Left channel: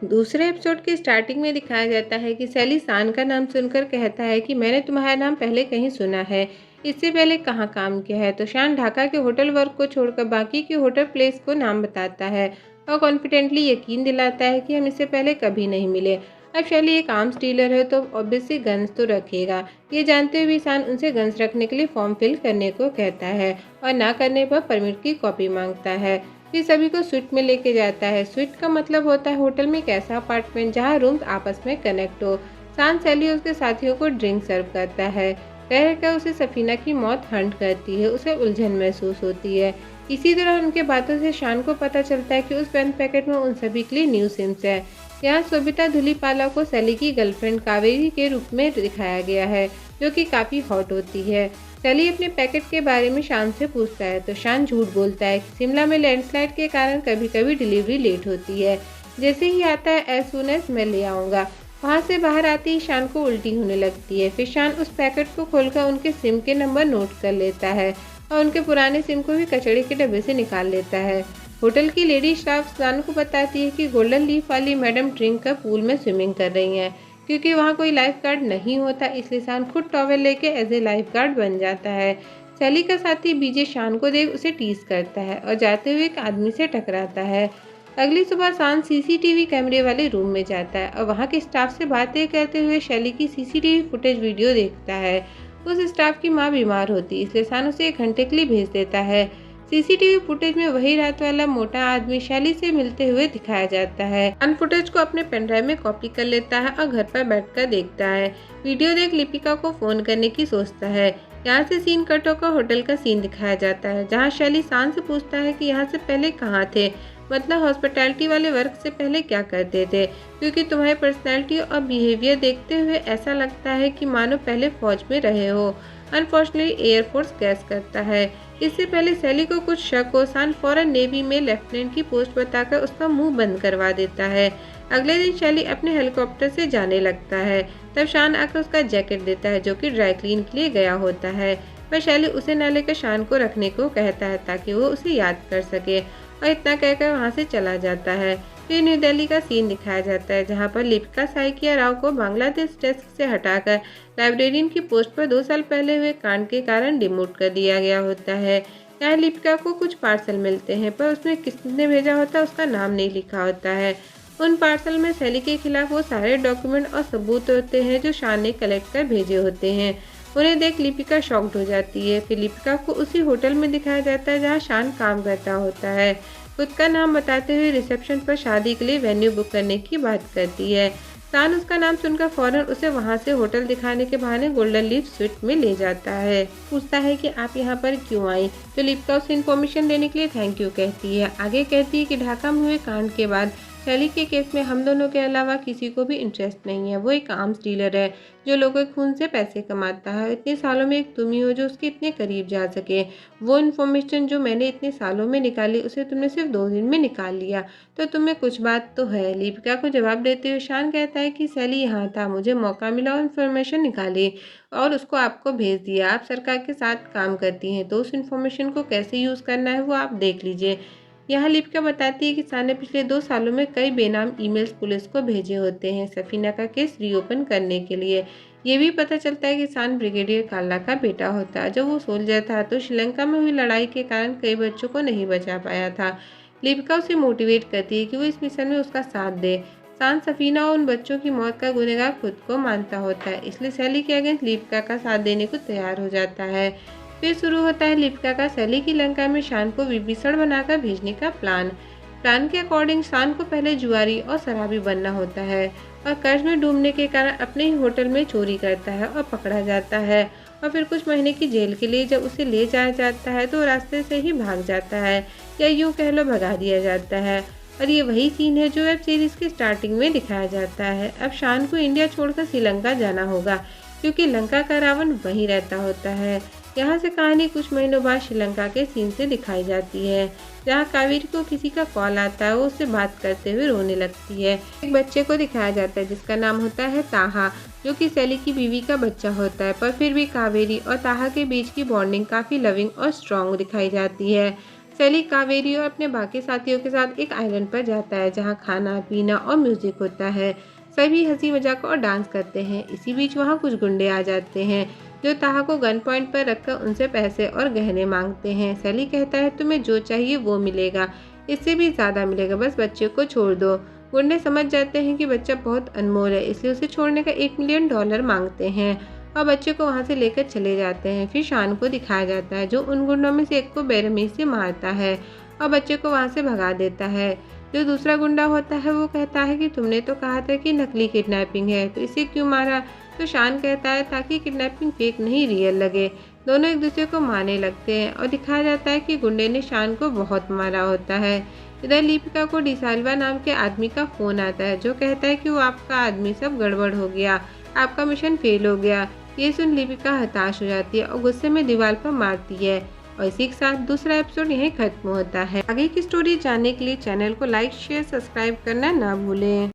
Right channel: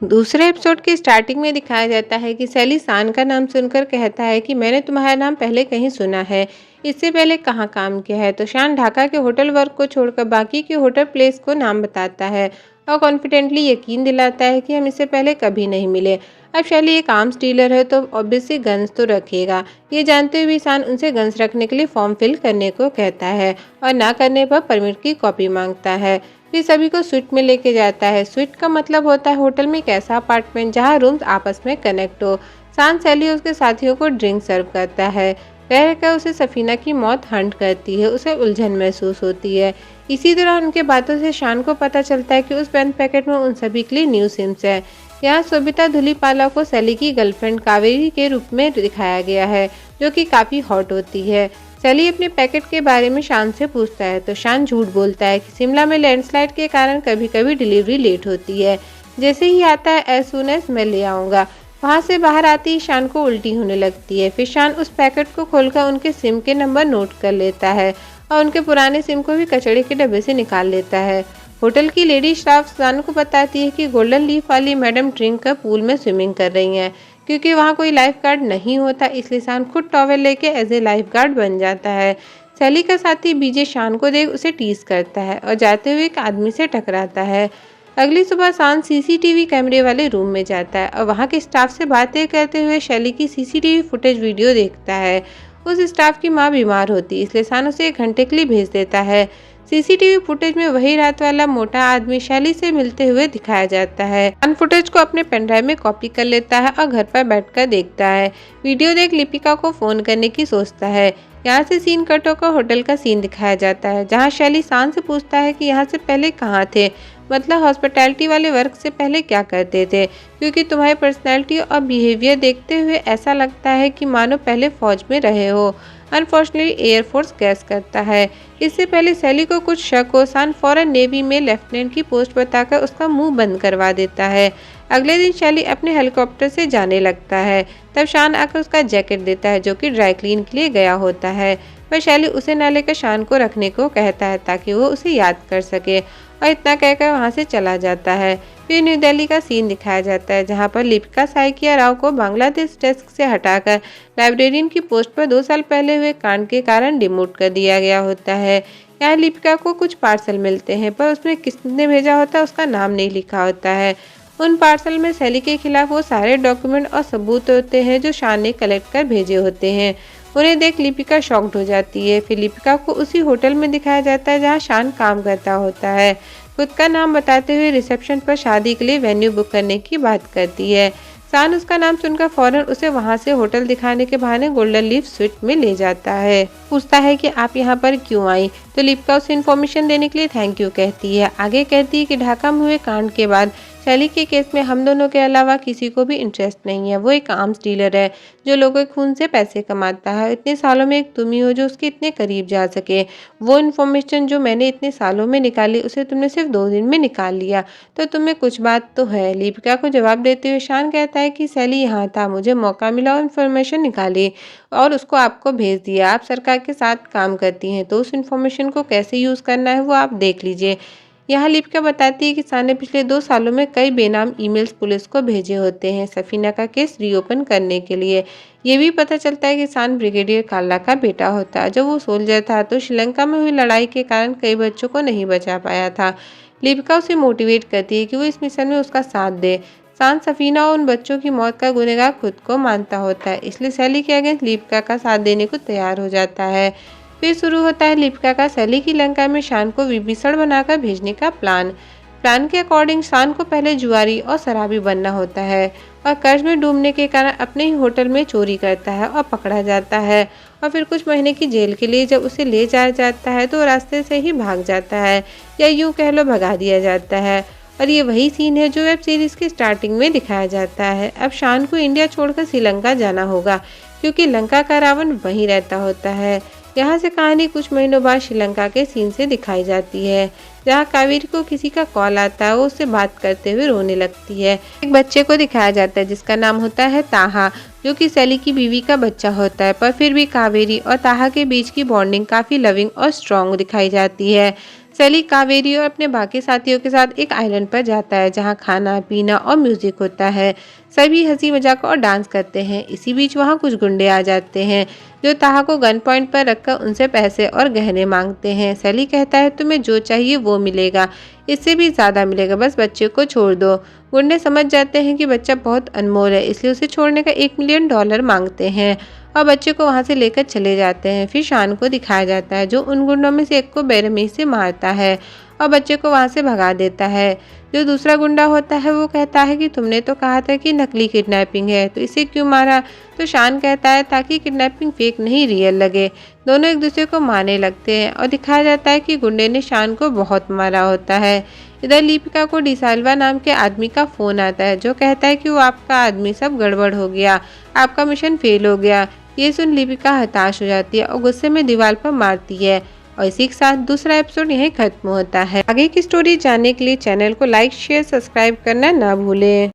दूसरे एपिसोड की स्टार्टिंग में दिखाया जाता है कि सैली शान का नाम सुनकर कहता है कि मैंने तुम्हारा नाम पहले कहीं सुना है, इससे पहले कहाँ काम किया है। तो शान ढाका के होटल वर्क को छोड़कर बाकी के होटल प्लेस को नाम बताता है और कॉन्फिडेंटली यकीन दिलाता है कि हम इससे पहले कभी नहीं मिले। अब शैली एक आर्म्स डीलर है तो ऑब्वियसली गन्स तो रखेगा। ये जानते हुए भी शान उनसे गन्स रखने के लिए फॉर्म फिल करने को कहता है और ना करने पर परमिट की कॉपी मांगता है। फिर सभी को स्वीट में लेके जाता है। स्वीट का मतलब होता है होटल में एक ऐसा अपार्टमेंट जहाँ रूम्स आपस में कनेक्ट हो। शान सैली उसके साथियों को ड्रिंक सर्व करता है। रह कर उसे सफीना की मौत हंट करती है। उसे उलझन महसूस होती है। इसी दौरान उनके बातों से शान को पता चलता है कि उस पेन पैकेट में उन सभी के लिए न्यू सिम्स है। यहाँ सोबिता धुलीपाला को सैली की गर्लफ्रेंड कावेरी के रूप में दिखाया गया है, जो कि काफ़ी हॉट होती है। सैली अपने पैकेट के बारे में शान से पूछता है तो शान झूठ बोलता है कि शिमला में लैंडस्लाइड के कारण कभी कभी डिलीवरी लेट होती है। जैसे ही आता है एज सुन एज मैं ले आऊँगा। वहाँ से बाहर आते ही शान को उल्टी होने लगती है। फिर शान उस पैकेट को खोलकर उनके सिम के नंबर नोट कर लेता है और उनके पुराने सिम को भी कचड़े के डब्बे से निकाल लेता है। होटल की लेडी स्टाफ शान को बताती है कि गोल्डन लीफ वाली मैडम ड्रिंक कर पूल में स्विमिंग कर रही हैं। क्योंकि वहाँ कोई लाइफ गार्ड नहीं होता इसलिए शान खुद टॉवेल लेके एज ए लाइफ गार्ड बन जाता है। सैली का साथी बीजे शान को देख उसे टीज करता है और जाते हुए एक आदमी से टकराता है। अगली सुबह शान सीसीटीवी कैमरे वाले रूम में जाता है और वहाँ के स्टाफ से बातें करते हुए शैली की सीसीटीवी फुटेज वीडियो देखता है। उस स्टाफ की माँ बीमार होती है इसलिए शान उसे 1 घंटे के लिए भेज देता है। सीसीटीवी फुटेज में वही रात वाला मोटा आदमी शैली से मिलते हुए दिखाया जाता है। अन फुटेज को अपने पेनड्राइव में कॉपी कर लेता है और घर पर बैठकर देखता है। वीडियो देख लिपिका को फोन करने की सोचता है। यहाँ से सीन कट होकर होटल का सीन दिखाया जाता है जहाँ शैली शान से पूछता है कि यहाँ से पहले कहाँ थे, मतलब हॉस्पिटैलिटी वाले वर्क से पहले क्या करते थे, क्योंकि तुम्हारी पर्सनैलिटी और बिहेवियर देखते हुए ऐसा लगता है कि मानो पहले फौज में रहे हो। अनफॉर्चुनेटली एयरफोर्स गैस करता है। इससे पहले सैली को कुछ शक हो शान फौरन नेवी में लेफ्टिनेंट की पोस्ट बताकर उसका मुंह बंद करवा देता है। अगले दिन शैली अपने हेलीकॉप्टर से जाने लगता है। तब शान आकर उसका जैकेट देता है जो कि ड्राई क्लीन के लिए गया होता है। वह शैली उसे न लेकर शान को रखने को कहता है ताकि वो उसे याद कर सके और इतना कहकर वहाँ से चला जाता है। फिर न्यू दिल्ली का सीन दिखाया जाता है जहाँ पर लिपिका साइकिया राव को बांग्लादेश डेस्क से हटाकर लाइब्रेरियन की पोस्ट पर 2 साल पहले हुए कांड के कारण डिमोट कर दिया गया होता है। यहाँ लिपिका को कुछ पार्सल मिलते हैं पर उसमें किसने भेजा होता है उसका नाम नहीं लिखा होता है। उन पार्सल में सैली के खिलाफ वो सारे डॉक्यूमेंट और सबूत होते हैं जो शान ने कलेक्ट कर भेजे होते हैं। उन्हें देख लिपिका शॉक्ड हो जाती है। फिर लिपिका को उसी होटल में दिखाया जाता है जहाँ शान काम करता होता है। खुद का नाम बताते हुए रिसेप्शन पर शादी के लिए वेन्यू बुक करने की बात करती है। शान उसका नाम सुनकर फौरन उसे वहां से होटल दिखाने के बहाने गोल्डन लीफ स्वीट में ले जाता है। पूछता है कि आप यहाँ पर क्यों आई, तो लिपिका उसे इन्फॉर्मेशन देने के लिए थैंक यू कहती है। आगे कहती है कि ढाका में हुए कांड के बाद शैली के केस में हम दोनों के अलावा किसी को भी इंटरेस्ट नहीं है। वो एक आर्म्स डीलर है जो लोगों के खून से पैसे कमाता है। इतने सालों में एक तुम ही हो जो उसके इतने करीब जा सके। वो इन्फॉर्मेशन जो मैंने इतने सालों में निकाली उसे तुमने सिर्फ 2 दिन में निकाल लिया, तो तुम्हें कुछ बात तो है। लिपिका को जवाब देते हुए शान कहता है कि सैली यहाँ था, मुझे मौका मिला और इन्फॉर्मेशन निकाली और उसको आपको भेज दिया। आप सरकार के साथ काम करती हैं तो उस इन्फॉर्मेशन को कैसे यूज़ करना है वो आप देख लीजिए। यहाँ लिपिका बताती है कि शान ने पिछले 2 सालों में कई बेनाम ईमेल्स पुलिस को भेजे होते हैं सफीना का केस रीओपन करने के लिए। ये भी पता चलता है कि शान ब्रिगेडियर काला का बेटा होता है। जब वो सोल्जर था तो श्रीलंका में हुई लड़ाई के कारण कई बच्चों को नहीं बचा पाया था। लिपिका उसे मोटिवेट करती है कि वो इस मिशन में उसका साथ दे। शान सफीना और उन बच्चों की मौत का गुनहगार खुद को मानता होता है, इसलिए सैली के अगेंस्ट लिपिका का साथ देने को तैयार हो जाता है। फिर शुरू होता है लिपिका का सैली की लंका में शान को विभीषण बनाकर भेजने का प्लान के अकॉर्डिंग शान को पहले जुआरी और शराबी बनना होता है और कर्ज में डूबने के कारण अपने ही होटल में चोरी करता है और पकड़ा जाता है। और फिर कुछ महीने की जेल के लिए जब उसे ले जाया जाता है तो रास्ते से ही भाग जाता है, या यूँ कह लो भगा दिया जाता है। और ये वही सीन है जो वेब सीरीज़ की स्टार्टिंग में दिखाया जाता है। अब शान को इंडिया छोड़कर श्रीलंका जाना होगा क्योंकि लंका का रावण वहीं रहता होता है। यहाँ से कहानी कुछ महीनों बाद श्रीलंका के सीन से दिखाई जाती है जहाँ कावेरी को किसी का कॉल आता है। वो उससे बात करते हुए रोने लगती है। एक बच्चे को दिखाया जाता है जिसका नाम होता है ताहा, जो कि सैली की बीवी का बच्चा होता है। पर फिर भी कावेरी और ताहा के बीच की बॉन्डिंग काफ़ी लविंग और स्ट्रॉन्ग दिखाई जाती है। सैली कावेरी और अपने बाकी साथियों के साथ एक आइलैंड पर जाता है जहाँ खाना पीना और म्यूजिक होता है। सभी हंसी मजाक और डांस करते हैं। इसी बीच वहाँ कुछ गुंडे आ जाते हैं जो ताहा को गन पॉइंट पर रखकर उनसे पैसे और गहने मांगते हैं। सैली कहता है तुम्हें जो चाहिए वो मिलेगा, इससे भी ज़्यादा मिलेगा, बस बच्चे को छोड़ दो। गुंडे समझ जाते हैं कि बच्चा बहुत अनमोल है, इसलिए उसे छोड़ने का $1 मिलियन मांगते हैं और बच्चे को वहां से लेकर चले जाते हैं। फिर शान को दिखाया जाता है जो उन गुंडों में से एक को बेरहमी से मारता है और बच्चे को वहां से भगा देता है। जो दूसरा गुंडा होता है वो कहता है कि तुमने तो कहा था कि नकली किडनैपिंग है, तो इसे क्यों मारा? तो शान कहता है ताकि किडनैपिंग फेक नहीं रियल लगे। दोनों एक दूसरे को मारने लगते हैं और दिखाया जाता है कि गुंडे ने शान को बहुत मारा होता है। इधर लिपिका को डिसाल्वा नाम के आदमी का फोन आता है जो कहता है कि वो आपका आदमी, सब गड़बड़ हो गया, आपका मिशन फेल हो गया। ये सुन लिपिका हताश हो जाती है और गुस्से में दीवार पर मारती है। और इसी के साथ दूसरा एपिसोड यहीं खत्म होता है। आगे की स्टोरी जानने के लिए चैनल को लाइक शेयर सब्सक्राइब करना ना भूलें।